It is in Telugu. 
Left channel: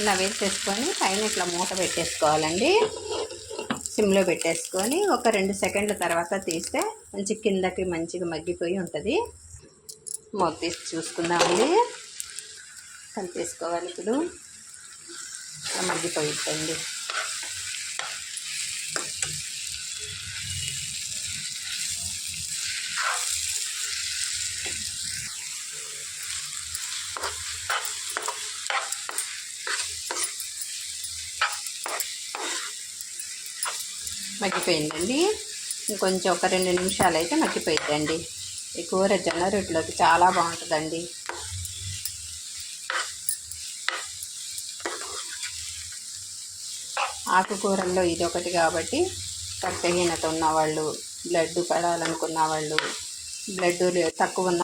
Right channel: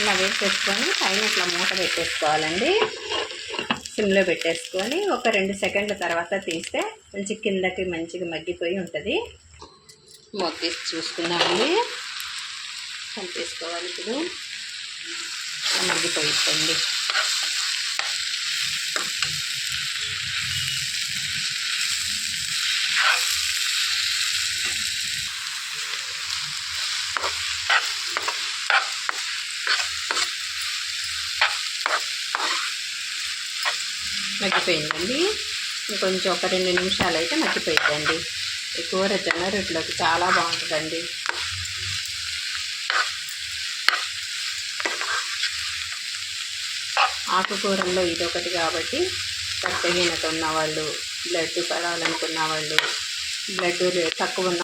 ఇలా వేసేసుకొని పైన ఇట్లా మూత పెట్టేసుకోవాలండి. సిమ్లో పెట్టేసుకొని ఒక 2 సెకండ్ల తర్వాత తీస్తే మంచి కిందకి మంచిగా మగ్గిపోయి ఉంటుంది. మూత తీసి చూసుకుందామండి. కలిపేసుకోవాలి. ఇప్పుడు మగ్గిపోయిద్దండి. మగ్గిపోయిందండి. ఇంకొంచెం ఒక 2 నిమిషాలు అయితే మగ్గిపోయిద్దండి. ఈ కూర జొన్న రొట్టెలోకి చాలా బాగుంటుందండి. ఆకుకూరల్లో ఇదొకటి కాబట్టి రక్తహీనత ఉన్నవాళ్ళు, బ్లడ్ పడాలనుకున్న వాళ్ళు, బ్లడ్ తక్కువ ఉన్న